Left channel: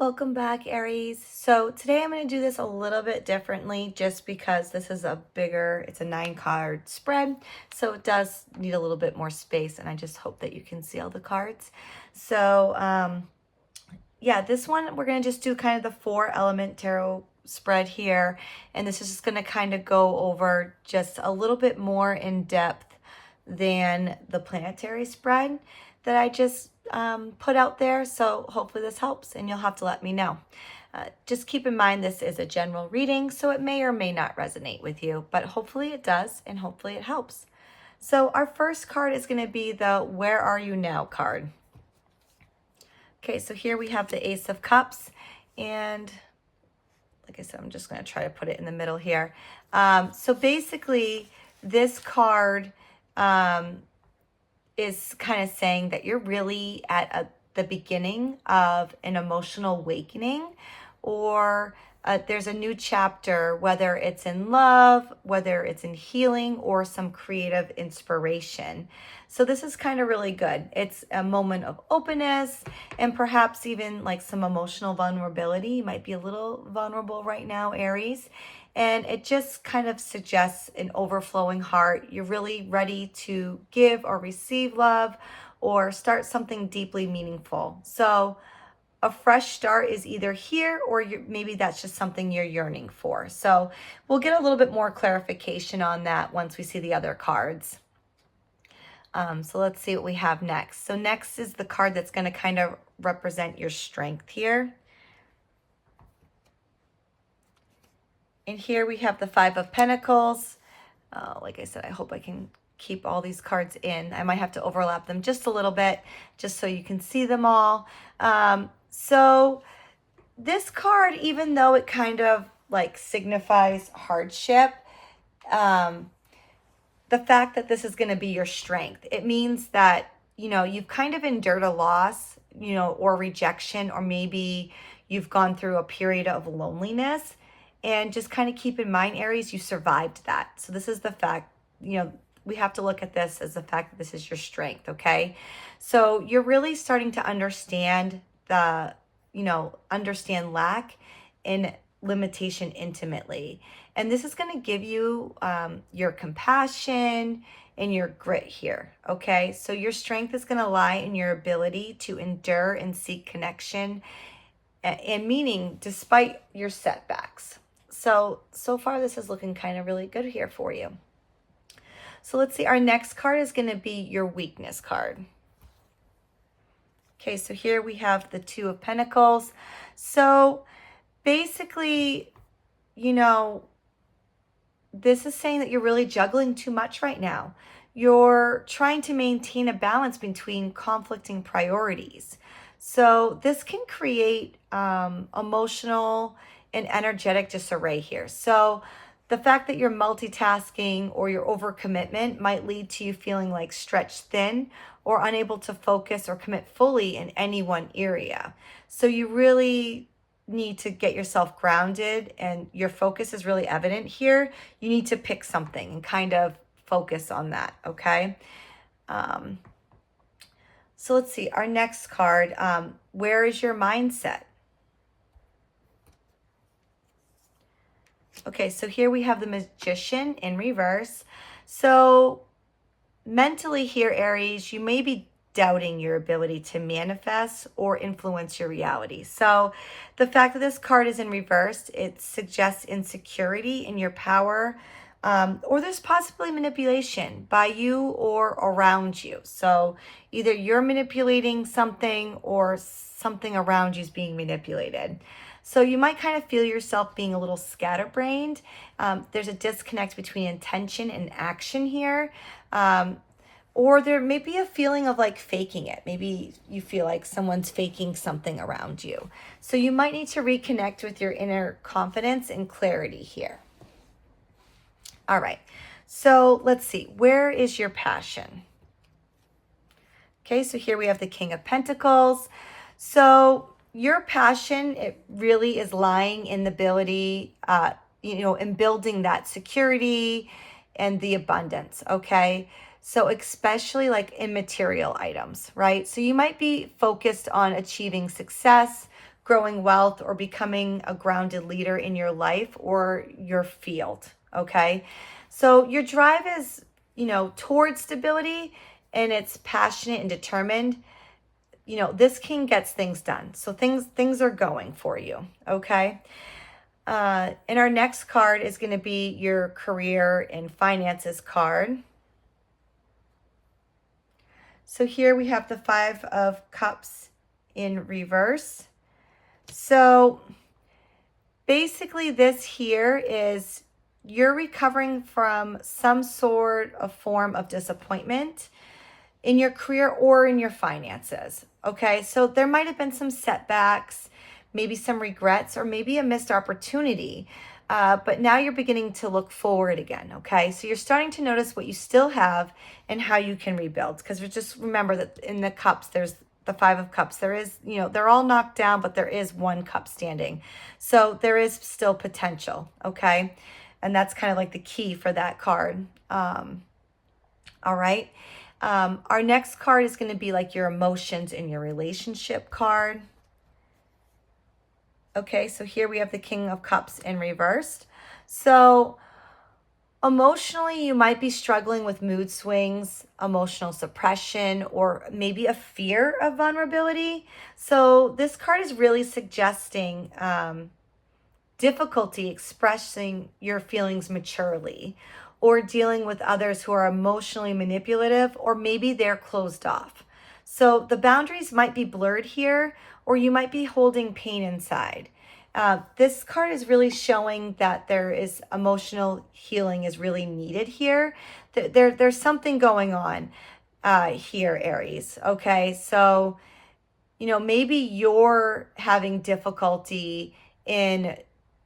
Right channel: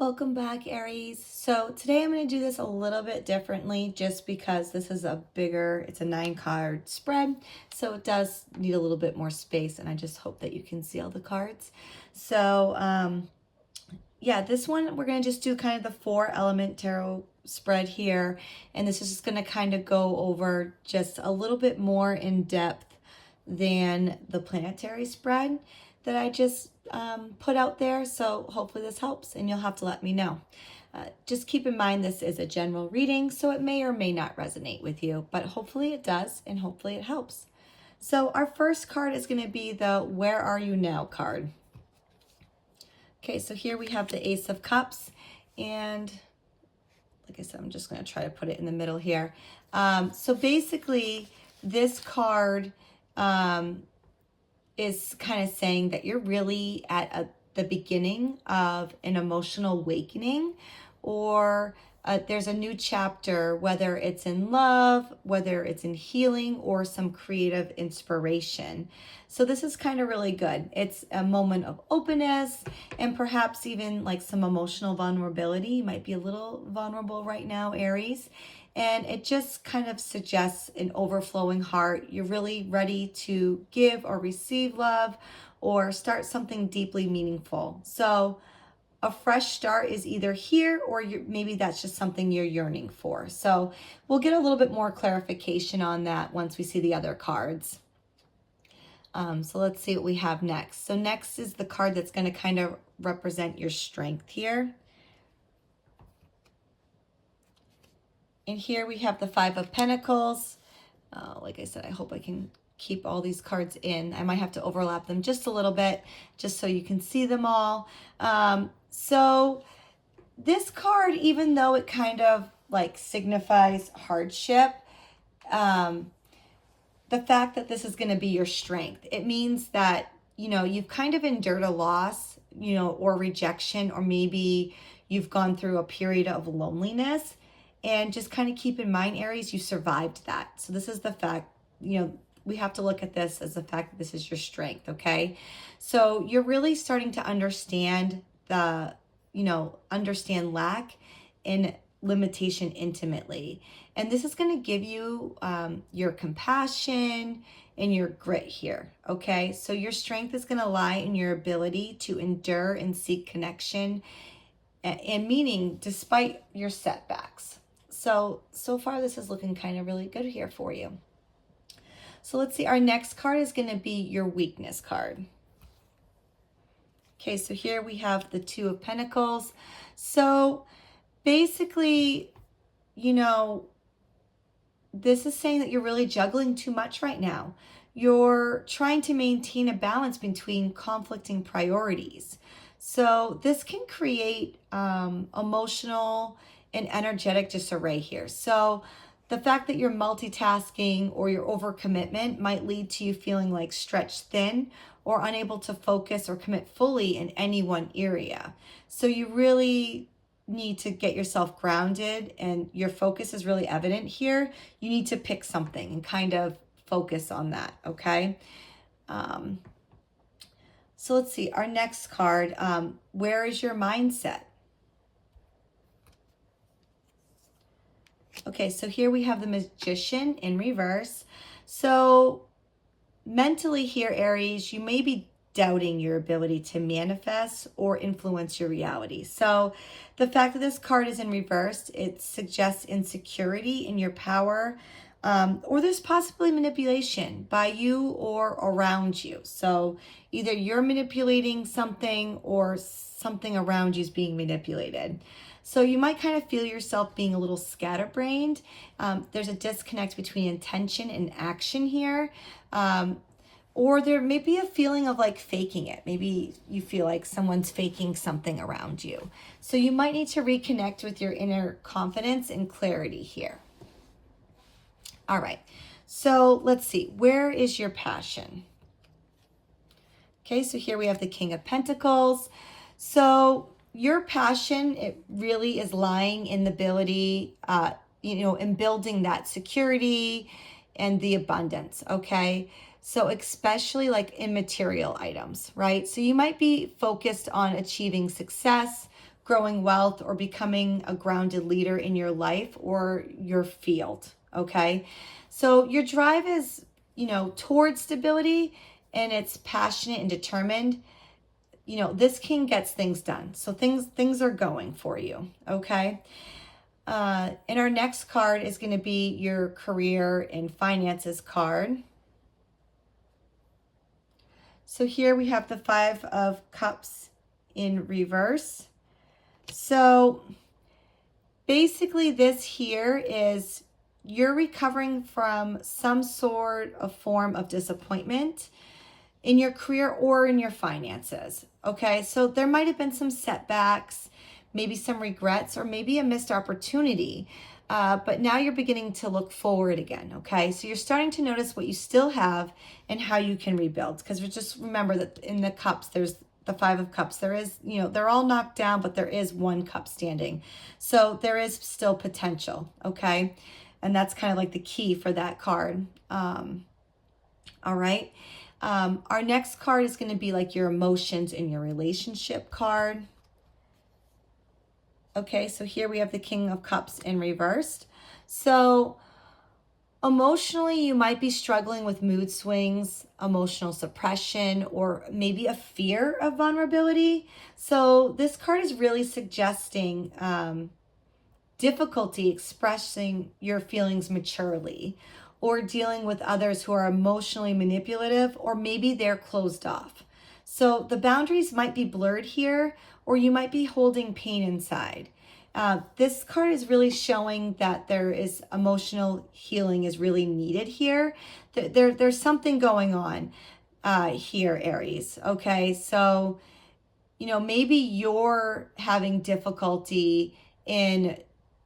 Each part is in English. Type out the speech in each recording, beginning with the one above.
Welcome back, Aries. So today I'm going to do this a little bit differently just because this is it's a 9 card spread. So it does need a little bit more space, and I just hope that you can see all the cards. So yeah, this one we're going to just do kind of the 4-element tarot spread here. And this is just going to kind of go over just a little bit more in depth than the planetary spread that I just put out there. So hopefully this helps, and you'll have to let me know. Just keep in mind this is a general reading, so it may or may not resonate with you, but hopefully it does, and hopefully it helps. So our first card is going to be the Where Are You Now card. Okay, so here we have the Ace of Cups, and like I said, I'm just going to try to put it in the middle here. So basically, this card is kind of saying that you're really at the beginning of an emotional awakening, or there's a new chapter, whether it's in love, whether it's in healing, or some creative inspiration. So this is kind of really good. It's a moment of openness and perhaps even like some emotional vulnerability. You might be a little vulnerable right now, Aries. And it just kind of suggests an overflowing heart. You're really ready to give or receive love or start something deeply meaningful. So a fresh start is either here, or maybe that's just something you're yearning for. So we'll get a little bit more clarification on that once we see the other cards. So let's see what we have next. So next is the card that's going to kind of represent your strength here. And here we have the 5 of Pentacles. Like I said, I hope I can keep all these cards in. I might have to overlap them just a little bit, just so you can see them all. So this card, even though it kind of like signifies hardship, the fact that this is going to be your strength, it means that, you've kind of endured a loss, or rejection, or maybe you've gone through a period of loneliness. And just kind of keep in mind, Aries, you survived that. So this is the fact, we have to look at this as the fact that this is your strength, okay? So you're really starting to understand understand lack and limitation intimately. And this is going to give you your compassion and your grit here, okay? So your strength is going to lie in your ability to endure and seek connection and meaning despite your setbacks. So far this is looking kind of really good here for you. So let's see, our next card is going to be your weakness card. Okay, so here we have the 2 of Pentacles. So basically, this is saying that you're really juggling too much right now. You're trying to maintain a balance between conflicting priorities. So this can create emotional and energetic disarray here. So the fact that you're multitasking or your overcommitment might lead to you feeling like stretched thin or unable to focus or commit fully in any one area. So you really need to get yourself grounded, and your focus is really evident here. You need to pick something and kind of focus on that, okay? So let's see, our next card, where is your mindset? Okay, so here we have the Magician in reverse. So mentally here, Aries, you may be doubting your ability to manifest or influence your reality. So the fact that this card is in reverse, it suggests insecurity in your power, or there's possibly manipulation by you or around you. So either you're manipulating something or something around you is being manipulated. So you might kind of feel yourself being a little scatterbrained. There's a disconnect between intention and action here. Or there may be a feeling of like faking it. Maybe you feel like someone's faking something around you. So you might need to reconnect with your inner confidence and clarity here. All right. So let's see. Where is your passion? Okay, so here we have the King of Pentacles. So your passion, it really is lying in the ability, in building that security and the abundance, okay? So especially like in material items, right? So you might be focused on achieving success, growing wealth or becoming a grounded leader in your life or your field, okay? So your drive is, towards stability, and it's passionate and determined. This king gets things done. So things are going for you, okay? And our next card is going to be your career and finances card. So here we have the Five of Cups in reverse. So basically this here is you're recovering from some sort of form of disappointment in your career or in your finances. Okay, so there might have been some setbacks, maybe some regrets, or maybe a missed opportunity. But now you're beginning to look forward again. Okay, so you're starting to notice what you still have and how you can rebuild. Because just remember that in the cups, there's the Five of Cups. There is, they're all knocked down, but there is one cup standing. So there is still potential. Okay, and that's kind of like the key for that card. All right. Our next card is going to be like your emotions in your relationship card. Okay, so here we have the King of Cups in reversed. So emotionally, you might be struggling with mood swings, emotional suppression, or maybe a fear of vulnerability. So this card is really suggesting difficulty expressing your feelings maturely, or dealing with others who are emotionally manipulative, or maybe they're closed off. So the boundaries might be blurred here, or you might be holding pain inside. This card is really showing that there is emotional healing is really needed here. There's something going on here, Aries. Okay, so, maybe you're having difficulty in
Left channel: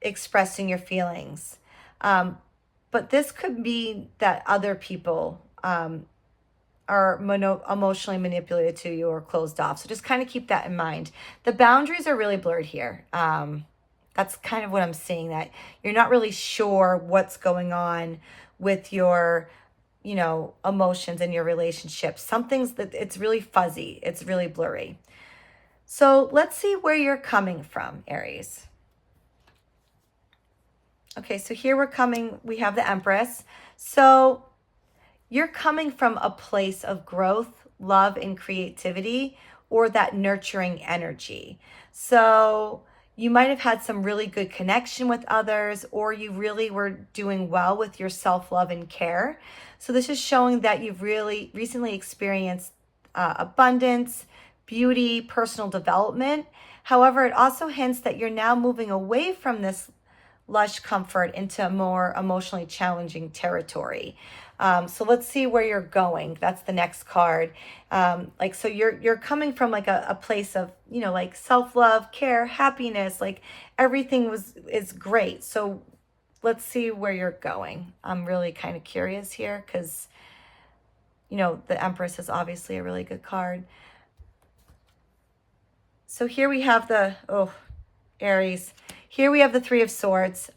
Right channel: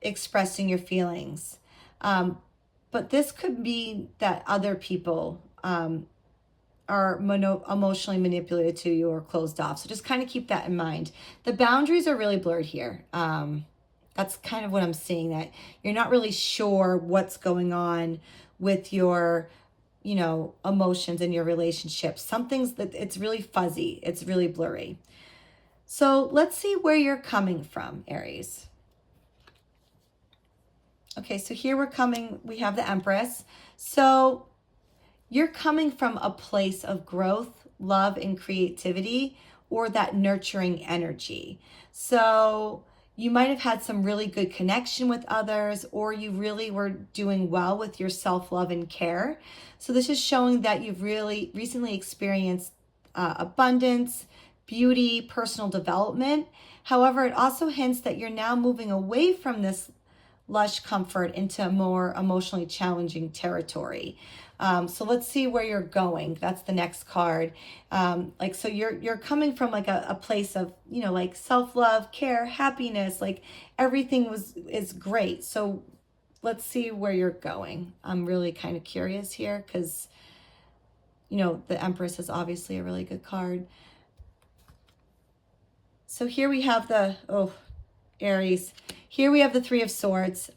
expressing your feelings. But this could be that other people are emotionally manipulated to you or closed off. So just kind of keep that in mind. The boundaries are really blurred here. That's kind of what I'm seeing, that you're not really sure what's going on with your, emotions in your relationship. It's really fuzzy. It's really blurry. So let's see where you're coming from, Aries. Okay, so here we have the Empress. So you're coming from a place of growth, love, and creativity, or that nurturing energy. So you might have had some really good connection with others, or you really were doing well with your self-love and care. So this is showing that you've really recently experienced abundance, beauty, personal development. However, it also hints that you're now moving away from this lush comfort into more emotionally challenging territory. So let's see where you're going. That's the next card. So you're coming from like a place of, like self-love, care, happiness, like everything is great. So let's see where you're going. I'm really kind of curious here because, the Empress is obviously a really good card. So here we have Aries. Here we have the Three of Swords.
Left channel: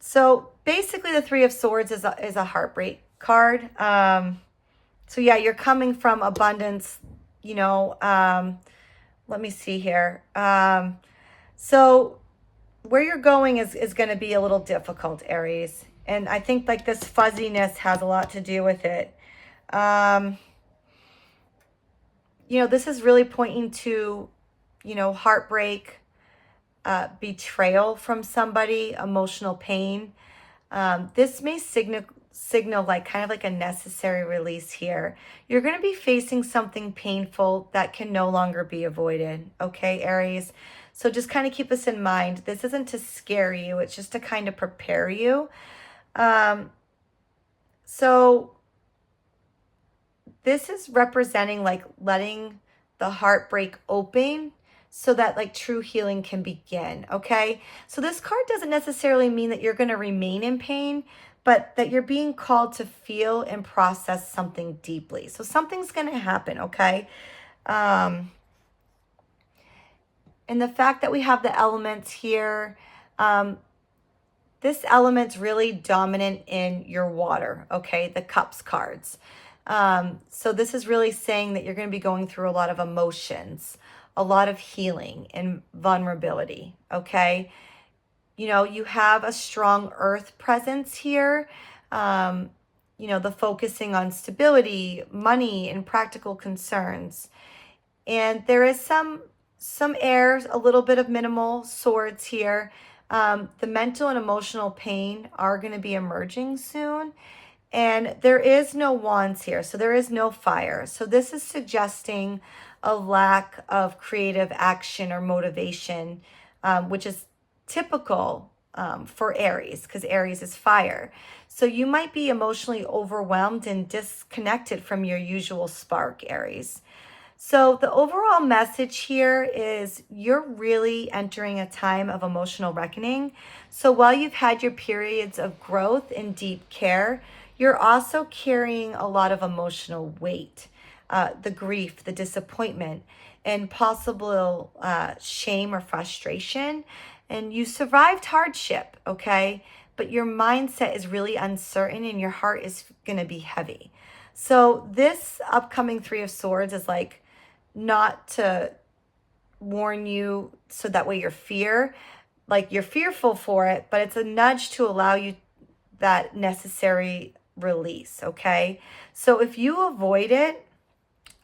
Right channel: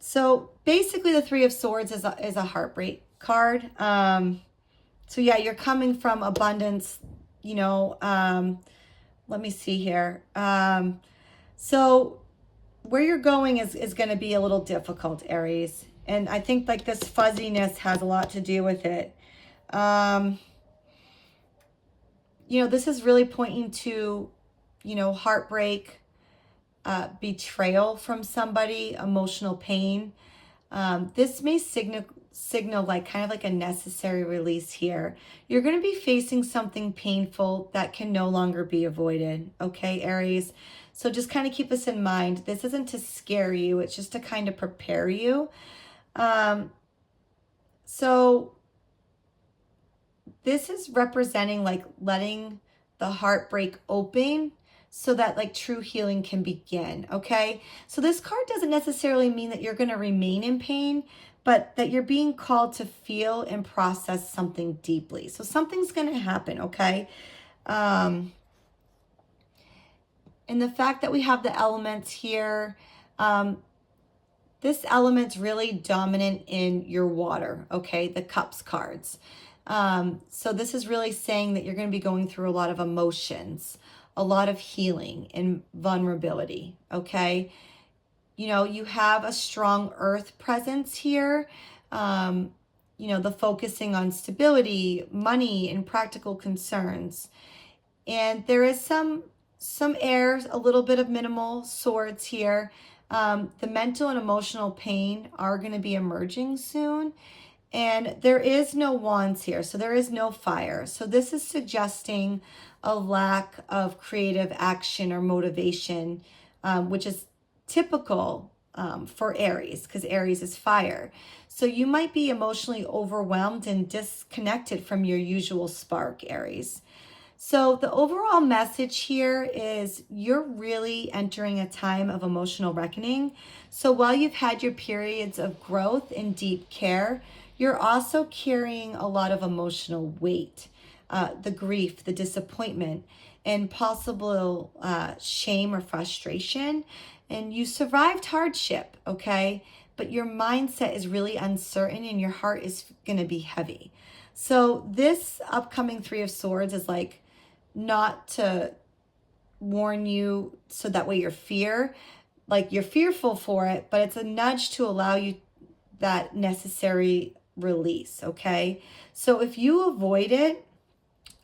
So basically the Three of Swords is a heartbreak card. So yeah, you're coming from abundance, let me see here. So where you're going is going to be a little difficult, Aries. And I think like this fuzziness has a lot to do with it. This is really pointing to, heartbreak, betrayal from somebody, emotional pain. This may signal like kind of like a necessary release here. You're going to be facing something painful that can no longer be avoided. Okay, Aries. So just kind of keep this in mind. This isn't to scare you. It's just to kind of prepare you. So this is representing like letting the heartbreak open so that like true healing can begin, okay? So this card doesn't necessarily mean that you're going to remain in pain, but that you're being called to feel and process something deeply. So something's going to happen, okay? And the fact that we have the elements here, this element's really dominant in your water, okay? The Cups cards. So this is really saying that you're going to be going through a lot of emotions, a lot of healing and vulnerability. Okay. You know, you have a strong earth presence here. Um, you know, the focusing on stability, money, and practical concerns. And there is some airs, a little bit of minimal swords here. The mental and emotional pain are going to be emerging soon. And there is no wands here, so there is no fire. So this is suggesting a lack of creative action or motivation, which is typical for Aries, because Aries is fire. So you might be emotionally overwhelmed and disconnected from your usual spark, Aries. So the overall message here is you're really entering a time of emotional reckoning. So while you've had your periods of growth and deep care, you're also carrying a lot of emotional weight, the grief, the disappointment, and possible shame or frustration. And you survived hardship, okay? But your mindset is really uncertain and your heart is going to be heavy. So this upcoming Three of Swords is like, not to warn you so that way you're fearful for it, but it's a nudge to allow you that necessary release. Okay. So if you avoid it,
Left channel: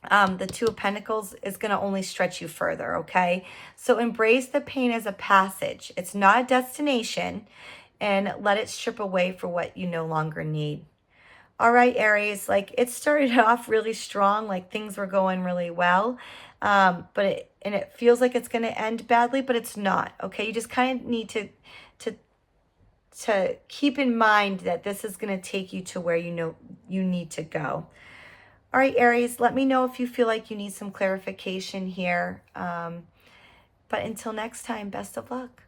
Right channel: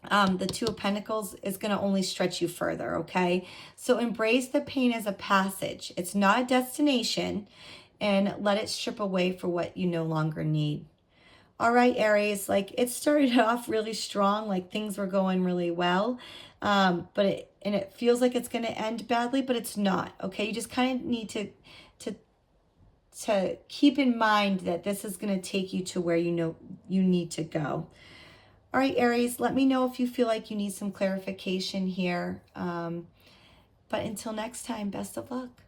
the Two of Pentacles is going to only stretch you further. Okay. So embrace the pain as a passage. It's not a destination, and let it strip away for what you no longer need. All right, Aries, like it started off really strong, like things were going really well. It feels like it's going to end badly, but it's not. Okay. You just kind of need to, to keep in mind that this is going to take you to where you know you need to go. All right, Aries, let me know if you feel like you need some clarification here. But until next time, best of luck.